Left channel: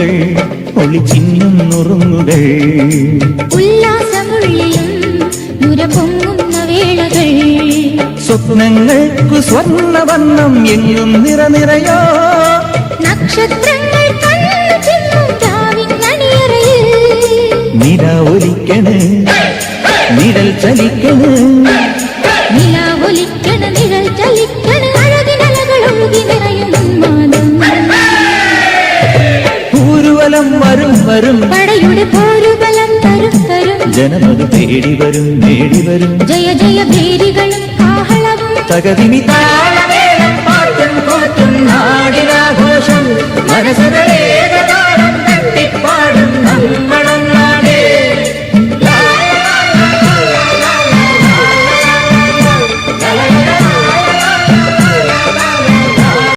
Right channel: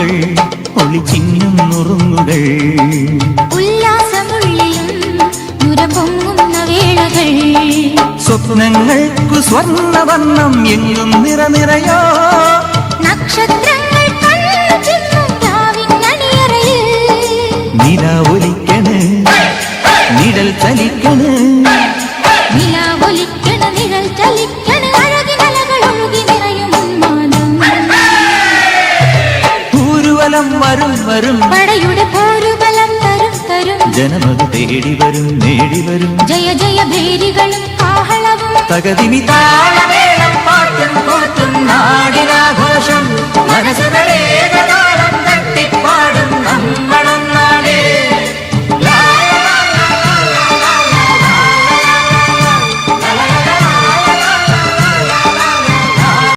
മുത്തുകൾ ഒളിച്ചിങ്ങും നുറുങ്ങുകൾ ഉല്ലാസമുള്ളിലും നുരപൊങ്ങുന്ന വേളകൾ സ്വപ്നങ്ങൾക്കു സ്വർണ്ണവർണ്ണം എങ്ങും നിറനിറയോ നക്ഷത്രങ്ങൾ നില ഒലിക്കണ് നിഴൽ ചലിക്കണ് ൂരുവലം വരും വരും പടയുടെ പോരുബലം തരും തരും ജനമത് തേടി വരും നേടി വരും ജയ ജയ ഭേരികളും കാഹളവും തകതിനി താളമേളം പാട്ടും കൂട്ടും നാടിനാഘോഷം മനസ്സര